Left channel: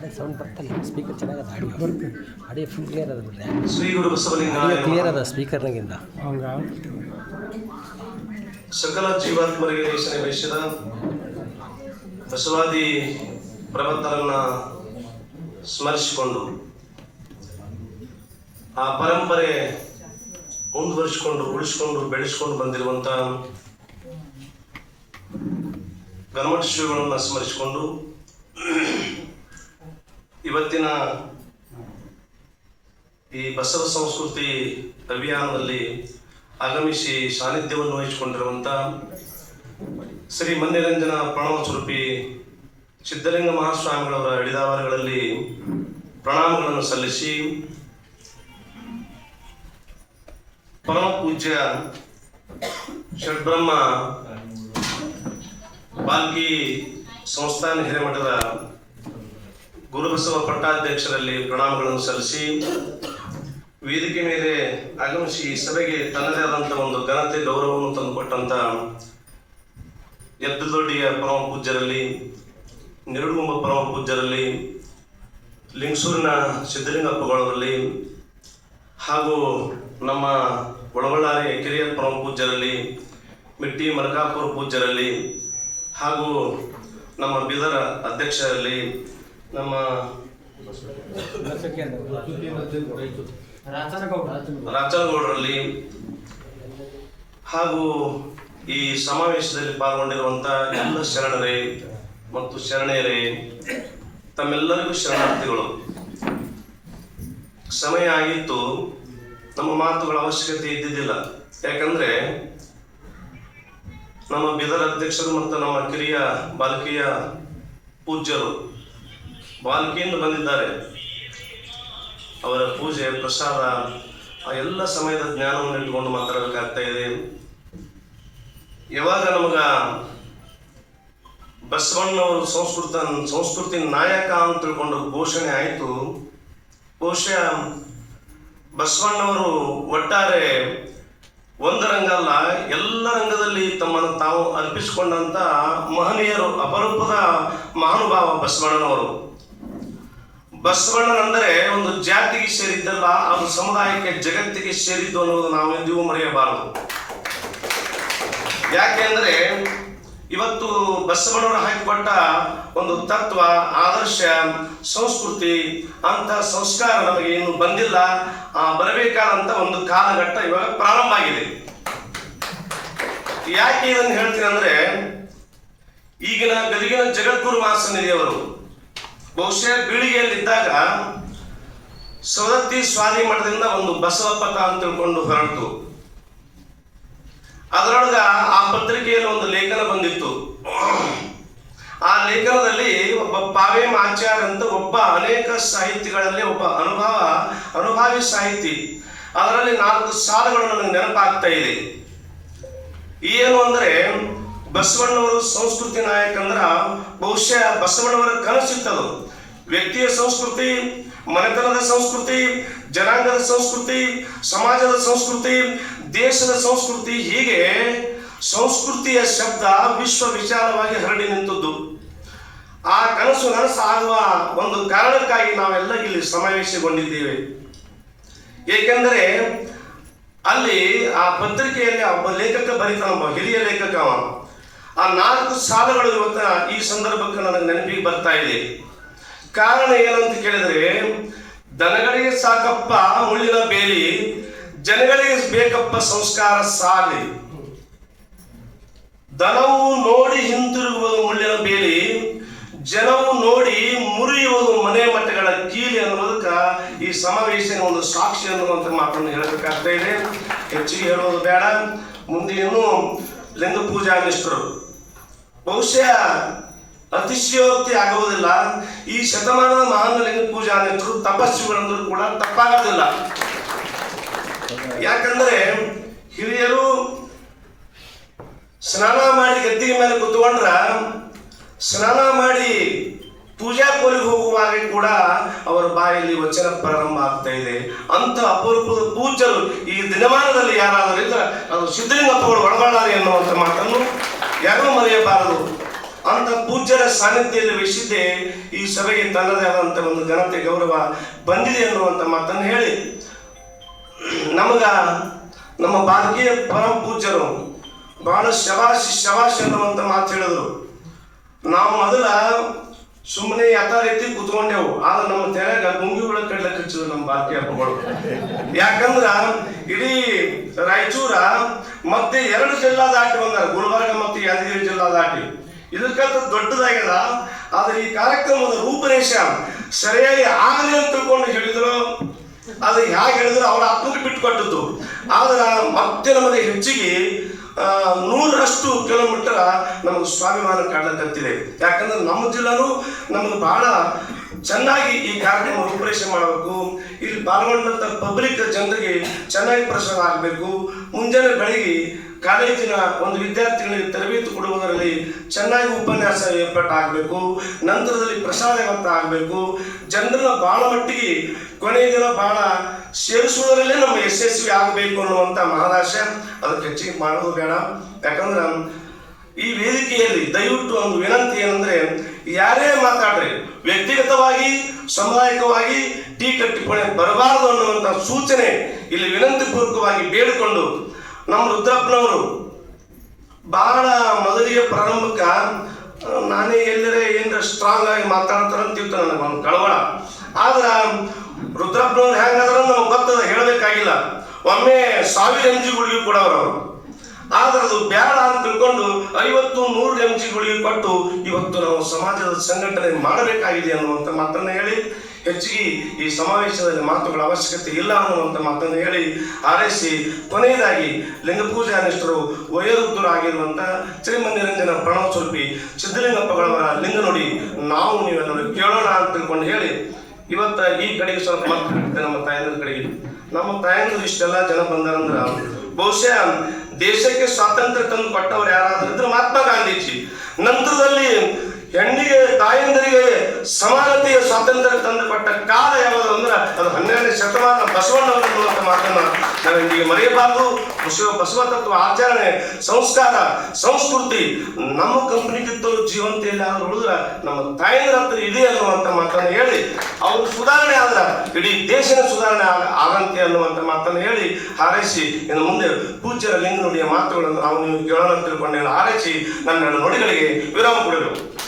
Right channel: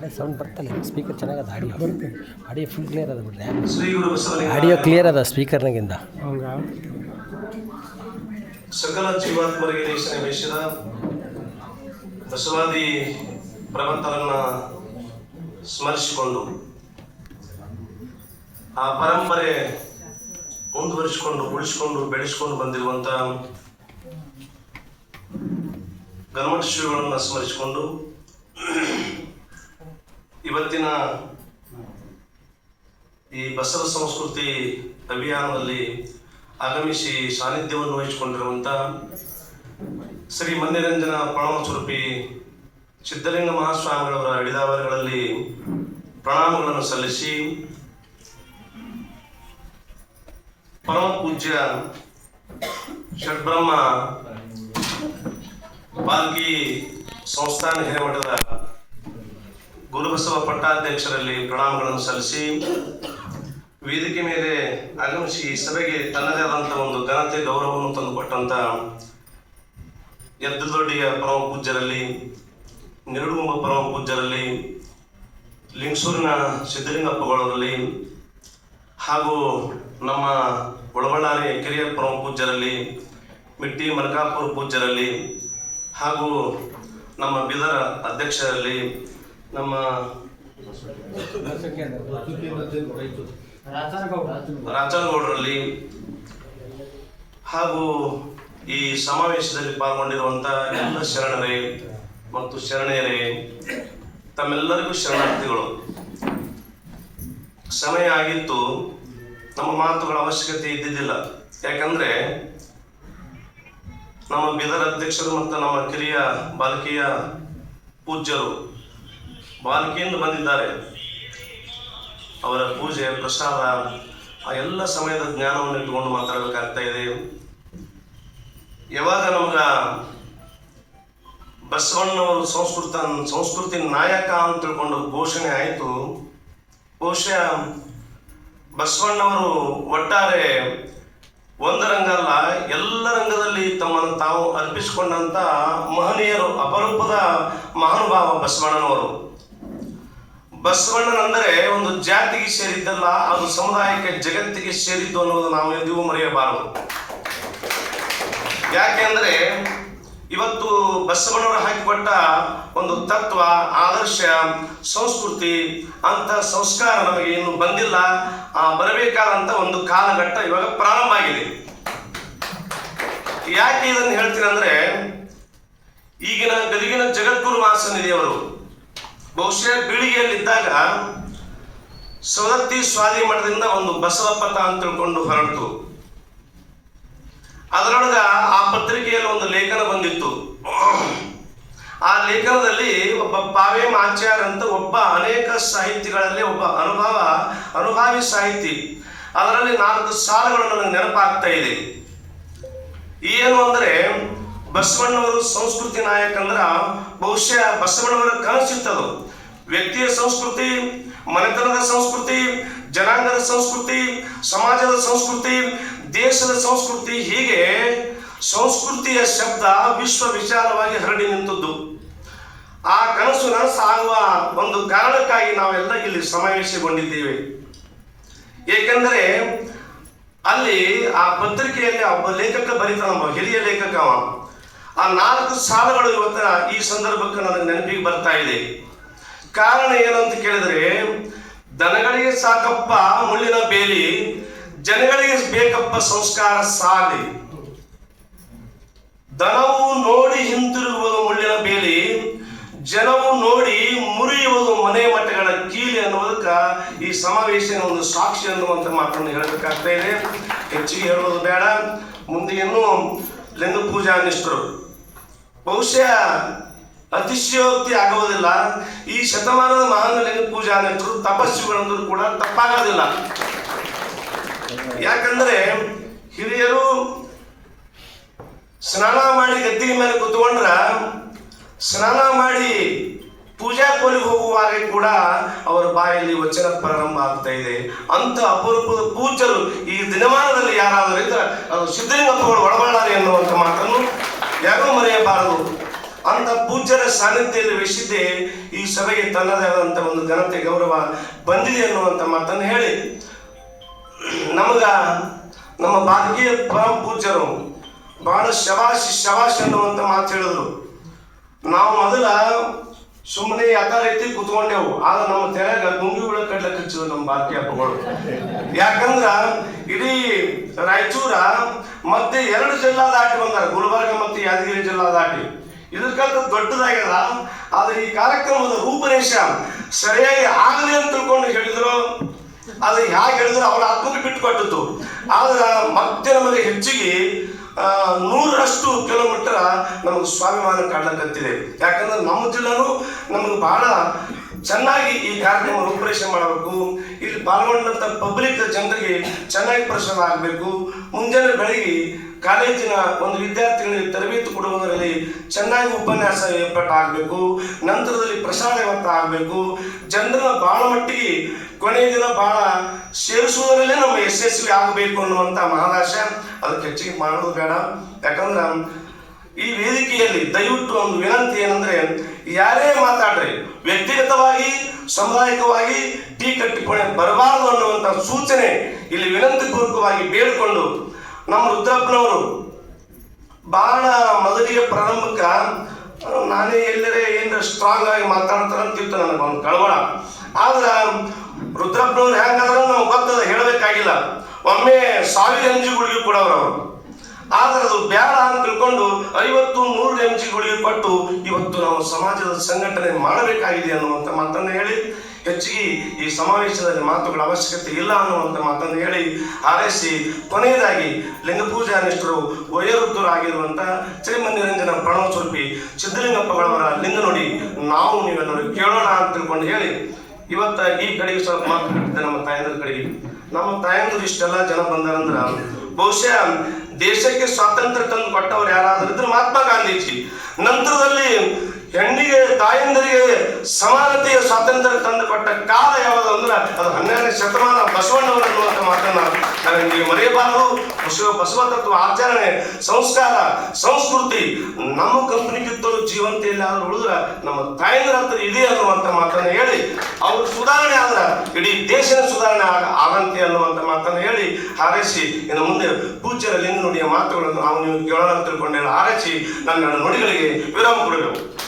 ಕಡೆ ಸೌಂಡ್ ಬರ್ತಲ್ಲ ಸ್ಪೀಕರ್ ಚೆನ್ನಾಗದ ಆಡಿಯೋ ಆಡಿಯೋ ಫುಲ್ ಕ್ಲಿಯರ್ ಅದ ಬಿಡ್ರೆ. ಆಡಿಯೋ ಕ್ಲಿಯರ್ ಅದ ಸ್ಪೀಕರ್ನಾಗಿಂದ ಹಂಗ? ಸಕಲ ಜೀವಾತ್ಮರಿಗೆ ದೇಶನ ವೇಷದ ಬಸವಾದಿ ಪ್ರಭತ್ತರನ್ನ ಸ್ಮರಿಸಿಕೊಂಡು ಆ ಪರಂಪರೆ ಮುಂದುವರಿಸಿಕೊಂಡು ಉಳಿಸಿಕೊಂಡು ಬೆಳೆಸಿಕೊಂಡು ಬಂದಿರುವಂತ ಗಣಮಠ ಶ್ರೀಗಳನ್ನು ಸ್ಮರಿಸಿಕೊಂಡು ಇವತ್ತಿನ ಈ ಬಸವ ಸಂಸ್ಕೃತಿ ಅಭಿಯಾನದಲ್ಲಿ ಆಗಮಿಸಿ ಸಾನ್ನಿಧ್ಯವನ್ನು ವಹಿಸಿಕೊಂಡಿರುವಂಥ ಶ್ರೀ ಮನ್ಯರಂಜನ ಪ್ರಣವ ಸ್ವರೂಪಿ ಸಿದ್ಧಲಿಂಗ ಮಹಾಸ್ವಾಮಿಗಳವರ ಹಿಡಿದಾವರಗಳಲ್ಲಿ ಪ್ರಣಾಮಗಳನ್ನು ಸಲ್ಲಿಸಿ ಪರಮ ಪೂಜ್ಯ ಷಡ್ಬ್ರಹ್ಮ ಬಾಲ್ಕಿ ಸಂಸ್ಥಾನ ಹಿರೇಮಠದ ಗುರುಬಸವ ಪಟ್ಟಾಧ್ಯಕ್ಷರಲ್ಲಿ ಪ್ರಣಾಮಗಳನ್ನು ಸಲ್ಲಿಸಿ ವೇದಿಕೆ ಮೇಲೆ ಆಗಮಿಸಿ ಸಭೆಗೆ ತನ್ನದೇ ಆದಂಥ ಒಂದು ಘನತೆ, ಗೌರವವನ್ನು ತಂದುಕೊಟ್ಟಂತ ಎದ್ದದೊಡ್ಡಿಯ ಪರಮ ಪೂಜ್ಯರಲ್ಲಿ ನಿರುಡುಗುಂಬ ಪರಮ ಪೂಜ್ಯರಲ್ಲಿ, ಲಿಂಗಸೂರಿನ ಸಿದ್ದಲಿಂಗಪ್ಪಗಳವರಲ್ಲಿ ಹಾಗೂ ನಮ್ಮ ಒಳಬಳ್ಳಾರಿ ಕಿರಿಯ ಪರಮ ಪೂಜ್ಯರಲ್ಲಿ, ಮಿಟ್ಟಿ ಮರಕಾಪುರ ಪೂಜ್ಯರಲ್ಲಿ ಹಾಗೂ ನಮ್ಮ ಬೀದರ ಅಧ್ಯಕ್ಷರಲ್ಲಿ ನಮ್ಮ ರಾಜನಗೌಡರಲ್ಲಿ ಹಾಗೂ ಈ ಸಮಾವೇಶದಲ್ಲಿ ಪಾಲ್ಗೊಂಡಿರುವಂತ ಎಲ್ಲ ಶರಣರೇ ಮತ್ತು ಶರಣೆಯರೇ, ತಮ್ಮೆಲ್ಲರಿಗೂ ಶರಣಾರ್ಥಿಗಳು. ಸಮಯ ಆಗಿತ್ತು, ನಮ್ಮ ಮಾತುಗಳ ಅವಶ್ಯಕತೆ ಇದ್ದಿದ್ದಿಲ್ಲ. ಯಾಕಂದ್ರೆ ನಮ್ಮ ಬೀದರ್ ಅಧ್ಯಕ್ಷರು ಮತ್ತು ನಮ್ಮ ಕಿರಿಯ ಬಾಲಕಿಯ ಪೂಜ್ಯರು ಬಾಲಕಿಯಿಂದ ಬಂದಿದ್ದಾರೆ. ಅವರ ಪೂಜೆ, ಪ್ರಸಾದ, ಆ ಎಲ್ಲ ಸಮಯದ ಜ್ಞಾನವನ್ನು ಇಟ್ಟುಕೊಂಡು ಮಾತಾಡಬೇಕಾಗ್ತಾ ಇದೆ. ಯಾವಾಗ ನಮಗ ಬಸವಣ್ಣವರು ಸಂಸ್ಕೃತ, ಸಂಸ್ಕೃತಿ ನಾಯಕ ಅಂತ ತಿಳ್ಕೊಂಡು ಘೋಷಣೆ ಆಯಿತು. ಬಹುಶಃ ಬಸವಣ್ಣವರು ಒಟ್ಟಾರೆ ಒಂದು ರಂಗಲ್ಲ ಎಲ್ಲ ರಂಗದಲ್ಲಿ ತಮ್ಮನ್ನು ತಾವು ಅರ್ಪಿಸಿಕೊಂಡಂತ ಮಹನೀಯರು, ಅಪರೂಪದ ಮಹಾನುಭಾವ ಬಸವಣ್ಣನವರು. ಬಸವಣ್ಣನಂದರೆ ಒಂದು ಜಾತಿಗೆ ಸೇರಿದ್ದಲ್ಲ, ಅದು ಸಮುದಾಯಕ್ಕೆ, ಜಗತ್ತಿಗೆ ಸೇರಿದ್ದು ಅನ್ನೋದು ನಾವೆಂದಿಗೂ ಮರೆಯಬಾರದು. ಯಾಕೆಂದ್ರೆ ಇವತ್ತು ಬಸವಣ್ಣವರು ಹಾಕಿಕೊಟ್ಟ ಒಂದು ತತ್ವ, ಆದರ್ಶ, ಸಂಸ್ಕೃತಿ ಅಂತ ಸಂಸ್ಕಾರ ನಮಗೆ ಇನ್ನು ಬಂದಿಲ್ಲ. ಆ ಬರಬೇಕಾದಂತ ಒಂದು ಕಾಲಘಟ್ಟ ಇವಾಗ ಪ್ರಾರಂಭ ಆಗಿದೆ. ಯಾಕೆ ಇದನ್ನು ಹೇಳ್ತೀನಿ ಅಂದ್ರೆ ಈಗಿನ ಗದಗಿನ ಜಗದ್ಗುರು ಮಹಾಸನ್ನಿಧಿಯವರು ಬಹುಶಃ ಬೀಳಿಗೆಯಲ್ಲಿದ್ದಾಗ ಸವದತ್ತಿ ಸ್ವಾಮಿ ಮಠದಿಂದ ಒಂದು ಬಸವಪಥ ಅಂತ ತಿಳ್ಕೊಂಡು ಹೊರಡ್ತು ಅದರೊಳಗ ಆ ಪತ್ರಿಕೆಯಲ್ಲಿ ಒಂದು ಲೇಖನ ಬಂದಿತ್ತು. ಆ ಲೇಖನದಲ್ಲಿ ಒಬ್ಬ ಪಾವೇಮ್ ಆಚಾರ್ಯ ಅಂತ ಒಬ್ಬ ಅನೇಕ ಸಾಹಿತಿಗಳಲ್ಲಿ ಒಬ್ಬ ಅನುಭವ, ಅನುಭವಿ ಸಾಹಿತಿ. ಅದರಲ್ಲಿ ನಾಲ್ಕು ಸಾಲುಗಳು ನನಗೆ ನೆನಪಾಗ್ತಾ ಇದೆ. ಏನು ಅಂದ್ರೆ ಬಸವಣ್ಣವರು ಸಂಸ್ಕೃತಿ ನಾಯಕ ಅಂದ್ರ ಬಹುಶಃ ಬಸವಣ್ಣವರ ಕನಸಿತ್ತದು ವ್ಯಕ್ತಿಯ ಸಂಸ್ಕೃತಿ, ಮನೆತನದ ಸಂಸ್ಕೃತಿ, ಜನಾಂಗದ ಸಂಸ್ಕೃತಿ, ಸಮಾಜದ ಸಂಸ್ಕೃತಿ, ದೇಶದ ಸಂಸ್ಕೃತಿ, ಹೀಗೆ ಸಂಸ್ಕೃತಿಯ ಶಬ್ದ ವಿಶ್ವ ವಿಚಾರವಾಗಿ ಹರಡಿ ನಿಂತದ್ದು. ಆ ಕನಸು ನನಸಾಗುವ ಒಂದು ಕಾರಣಕ್ಕಾಗಿ ನಾವೆಲ್ಲ ಇಲ್ಲಿ ಸಮಾವೇಶಗೊಂಡಿದ್ದೇವೆ. ಏಕೆಂದರೆ ಅಲ್ಲಿ ಆ ಪತ್ರಿಕೆಯಲ್ಲಿ ಒಬ್ಬ ಲೇಖಕ ಬರೀತಾನೊಬ್ಬ ಹಿರಿಯ ಲೇಖಕ ಆ ನಾಲ್ಕು ಸಾಲುಗಳು ಈ ಸಂದರ್ಭಕ್ಕೆ ನನಗೆ ನೆನಪಿಗೆ ಬರ್ತಾ ಇದೆ. ಕಾರಣ ಏನಂತ ಕೇಳಿದ್ರೆ, ದನಗಳಿಗೆ ಸಾಕಪ್ಪ ಮುಳ್ಳಿನ ಬೇಲಿ, ಜನಗಳಿಗೆ ಬೇಕಪ್ಪ ಸಂಸ್ಕಾರ ಸಾಲಿ ದನವು ನೋಡಿ ಹಿಂತಿರುಗುವುದು ಮುಳ್ಳಿನ ಬೇಲಿ, ಜನವು ನೋಡಿ ಮುರಿಯುವುದು ಮನೆ ಮಠಗಳ ಕೀಲಿ ಅನ್ನುವುದಕ್ಕ ಈ ಸಮಾವೇಶನ ಒಂದು ಸಾಕ್ಷಿ ಅನ್ನುವಂಥ ಮಾತನ್ನು ಹೇಳಬೇಕಾಗ್ತಾ ಇದೆ. ಹೆಚ್ಚಿಗೆ ಹೇಳೋದು ಬೇಡ. ಮುಂದೆ ಇನ್ನು ಲಿಂಗ ಪೂಜಾ ನಿಷ್ಠರು ಬಹುಶಃ ಅತಿಶಯೋಕ್ತಿ ಆಗುವುದಿಲ್ಲ ಈ ಶತಮಾನದ ಮಹಾನ್ ಲಿಂಗ ಪೂಜಾ ನಿಷ್ಠರು ತಪಸ್ವಿಗಳಂದ್ರೂ ಕೂಡ ತಪ್ಪಾಗೋದಿಲ್ಲ. ಯಾಕಂದ್ರೆ ಹಿರಿಯರು ಸ್ನಾನ ಮಾಡಿ ಗದ್ದಿಗೆ ಮೇಲೆ ಕುತ್ಕೊಂಡ್ರ ಸ್ನಾನ ಮಾಡಿ ಪೂಜಾ ಕೋಲಿಗೆ ಹೋಗುವಾಗ ಕೂಡ ಅವರ ಬಾಯಲ್ಲಿ ವಚನ ಪ್ರಾರಂಭ ಆಗ್ತಾ ಇದೆ. ಅಂತ ಅಪರೂಪದ ಪೂಜರು ಈ ದಿನಮಾನದಲ್ಲಿ ಯಾರಾದರೂ ಇದ್ರೆ ಅದು ಸಿದ್ಧಲಿಂಗಪ್ಪಗಳು ಒಳಬಳ್ಳಾರಿ ಎನ್ನುವಂಥ ಮಾತನ್ನು ಯಾರೂ ಮರೆಯಬಾರದು? ಅಂತ ಪೂಜ್ಯರ ಸಾನ್ನಿಧ್ಯದಲ್ಲಿ ವಹಿಸಿದ್ದೇ ಈ ಸಭೆಗೆ ತನ್ನದೇ ಆದಂಥ ಒಂದು ಘನತೆ, ಗೌರವ ಬಂದಿದೆ ಅನ್ನುವಂಥ ಮಾತನ್ನು ಹೇಳಿ. ನಮಗ ನಮ್ಮ ಭಾರತೀಯ ಪರಮ ಪೂಜ್ಯರು ಬಹಳ ಶಬಾಶಿ, ಶಬಾಶ್ ಅನ್ನುವಂತ ಮಾತು ಹೇಳಿದ್ರು. ನಾವು ಮೊದಲ ಸುಮ್ಮನೆ ಯಥಾ ರೀತಿ ಕುತ್ಕೊಂಡೆವು. ಆದ್ರೆ ನಮ್ಮ ತೆರೆಗ ಮುಂಗಿಗಳ ಕಡ್ಲೆ ಕಚ್ಚಿದ್ರು ನಮ್ಮ ಬಾಕಿ ಹಬ್ಬಗಳು ಯಾಕಂದ್ರ ಇಡೀ ರಾಯಚೂರ ಮತ್ತೆ ಎರಡು ಜಿಲ್ಲಾ ದಾಟಿ ಬಂದಾರ. ಗುಲ್ಬರ್ಗ ಮತ್ತು ಯಾದಗಿರಿ ಜಿಲ್ಲಾ ದಾಟಿ. ಇದಕ್ಕಂತ ದೊಡ್ಡದಾಗ್ಯದ ಆದ್ರೆ ಈ ಕಾರ್ಯಕ್ರಮದ ರೂಪರೇಷ ಸರಿಯಾಗಿ ಆಗಲಿ ಅಂತ ತಿಳ್ಕೊಂಡು ಹೇಳಿದ್ರು. ಅದು ಹೇಗೆ ಹೇಳಿದ್ರು ಅವರ ಆತ್ಮಕ್ಕೆ ಬಿಟ್ಟು ಕೊಟ್ಟಿತ್ತು ಆದ್ರೆ ಮತ್ತೆ ನಮಗೆ ಹೆಚ್ಚಿಗೆ ನೂರಷ್ಟು ಕಿಲೋಮೀಟರ್ ನಮಗೆ ಸ್ವಾಭಿಮಾನ ಕಾಣಕತ್ತಿದೆ ಯಾಕಂದ್ರೆ ನಮ್ಮ ಜಿಲ್ಲಾನು ನಮಗೆ ಬಹಳ ಚೆನ್ನಾಗಿ ಈ ಕಾರ್ಯಕ್ರಮ ರೂಪರೇಷೆ ಮಾಡಬೇಕು. ಇಲ್ಲಿ ಪಾಲ್ಗೊಂಡಂತ ಪಬ್ಲಿಕ್ ಜನರಿಗೆ ಚೆನ್ನಾಗಿ ಪ್ರಸಾರ ಆಗಬೇಕು. ಮುಂಜಾನೆ ಬೆಳಗ್ಗೆ ಕಾಲೇಜಿನ ಒಂದು ವಿದ್ಯಾರ್ಥಿಗಳಿಗೆ ತರಬೇತಿ ಕೊಡುವುದರಲ್ಲಿ ಚೆನ್ನಾಗಿ ಉಪನ್ಯಾಸ ಏರ್ಪಾಟಾಗಬೇಕು. ನಂತರದಲ್ಲಿ ಪ್ರಸಾರ ಆಗಬೇಕು. ಜನರ ಬಹಳ ಮಟ್ಟಿಗೆ ಕೊನೆಯ ದಿನ ಬಹಳ ಸೇರಿಸುವುದರಲ್ಲೇ ನಮ್ಮ ಯಶಸ್ವಿ ಆಗಬೇಕು ಅನ್ನುವಂಥ ಮಹಾರಾಷ್ಟ್ರ ಅದಕ್ಕೆ ಹೆಚ್ಚಿಗೆ ಮಾಡೋದು ಬೇಡ. ಯಾಕಂದ್ರೆ ಈ ವೇದಿಕೆಯಲ್ಲಿ ದಯವಿಟ್ಟು ಒಂದು ವಿನಂತಿ ಏನಂದ್ರೆ, ಯಾರೇ ಮಾತಾಡ್ರಿ, ವ್ಯಕ್ತಿಗತವಾಗಿ ಸಮುದಾಯಿಕವಾಗಿ ಟೀ ಟಿಪ್ಪಣಿ ಬರಬಾರದು ಅನ್ನುವಂಥ ಸೂಚನೆ ಇಲ್ಲಿ ವಿನಂತಿ ಪೂರ್ವಕವಾಗಿ ಬೇಡಿಕೊಂಡು ನಮ್ಮ ರುದ್ರಪ್ಪನವರು ಬಹಳ ಮೊದಲಿಗೆ ಪ್ರಾರಂಭಕ್ಕ ನಾನೇ ಎಲ್ಲರೇ ಏನಾರ ಸ್ಟ್ರಾಂಗ್ ಆಗಿ ಮಾತಾಡ್ತಾರೆ ಅಂತಿತ್ತು ನನಗೆ ಒಂದು ಕಳವಳ. ಆದ್ರೆ ರುದ್ರಪ್ಪನವ್ರು ಹೆಂಗಾದ್ರೂ ನಮ್ಗೆ ಗೊತ್ತದ, ಹೇಳಬೇಕಾಗಿಲ್ಲ. ಒಮ್ಮೆ ಸಾವಿರ ಎನ್ ಜಿ ಕೂಡ ಅವರು. ಆದ್ರೆ ಅದು ಬೇಡ ಅಂತ ತಿಳ್ಕೊಂಡು ಐವತ್ತು ನೂರು ಎಂ ಕೊಟ್ಟು ಇವತ್ತು ನಾವು ಸಮಾಜದ ಸಂಘಟನೆ ಮಾಡಬೇಕಾಗಿದೆ ಅನ್ನುವಂಥ ಮಾತನ್ನು ಹೇಳಿ, ಹೆಚ್ಚಿಗೆ ಈ ಸಮಾವೇಶದಲ್ಲಿ ಮಾತುಗಳ ಅವಶ್ಯಕತೆ ಇಲ್ಲ ಅನ್ನುವಂಥ ಮಾತನ್ನು ಹೇಳಿ ಹಾರೈಸಿ, ಕೊನೆಯದಾಗಿ ಲಿಂಗ ನಿಷ್ಠರು ವಯೋವೃದ್ಧರಾಗಿರುವಂಥ ಶ್ರೀಮಂದಿರಂಜನ ಪ್ರಣವ ಸ್ವರೂಪಿ ಸಿದ್ದಲಿಂಗಪ್ಪಗಳವರ ಲಿಂಗ ನೋಡಿ ನಾವು ನೀವೆಲ್ಲರೂ ಕೇಳೋಣ ಅಂತ ತಿಳ್ಕೊಂಡು ಹೇಳಿ, ಇವತ್ತ ಈ ಕಡೆಗೆ ಸ್ವಲ್ಪ ಮಾತು ಬಿಟ್ಟಿದ್ದೆ ನಮ್ಮ ತಾಯಂದ್ರ ಕಡೆಗೆ. ನಮ್ಮ ತಾಯಂದ್ರು ಇಷ್ಟೆಲ್ಲ ಜನ ಬಂದಾರಂದ್ರ ಬಹುಶಃ ದೇಶಕ್ಕೆ ಸ್ವಾತಂತ್ರ್ಯ ತಂದು ಕೊಟ್ಟವರು ಯಾರಾದ್ರೂ ಇದ್ರೆ ಮಹಾತ್ಮ ಗಾಂಧೀಜಿ. ನಂತರದಲ್ಲಿ ಹೆಣ್ಣಿಗೆ, ತಾಯಂದರಿಗೆ ಸಮಾನತೆಯ ಸ್ವಾತಂತ್ರ್ಯ ತಂದು ಕೊಟ್ಟ ಕಾಲ ಯಾವುದು ಅಂದ್ರೆ ಅದು ಹನ್ನೆರಡನೇ ಶತಮಾನ ಬಸವಣ್ಣವರ ಮೂಲಕ ಮಾತನ್ನ ನಾವು ಇಂದಿಗೆ ಮರೆಯಬಾರದು. ಬಸವ ಬಸವ ತತ್ವ ಆಚರಣೆ, ಸಂಸ್ಕಾರ, ಸಂಸ್ಕೃತಿ ನಮ್ಮ ಕಂಪನಿ ಕಿತ್ತಲು ಜೀವಂತ ಇಲ್ಲ ಅಂದ್ರೆ ಉಳಿದ್ರೆ ನಮ್ಮ ತಾಯಂದ್ರ ಹತ್ರ ಇದೆ ಅನ್ನುವಂಥ ಮಾತನ್ನ ಹೇಳಿ, ಅವರು ಆದ್ರ ಇಡೀ ದೇಶದ ಸುಧಾರಣೆ ಆಗ- ಆಗಂತೆ ಅನ್ನುವಂಥ ಮಾತನ್ನು ಹೇಳಿ ಹಾರೈಸಿ, ಇನ್ನು ಮುಂದೆ ಪೂಜ್ಯರ ಲಿಂಗನುಡಿಯ ಮಾತುಗಳನ್ನು ನಾವು ನೀವು ಕೇಳೋಣ ತಿಳ್ಕೊಂಡೆಲ್ಲ ಆರೈಸಿ ನನ್ನ ನುಡಿಗಳಿಗೆ ವಿರಾಮ ಕೊಡಬೇಕು.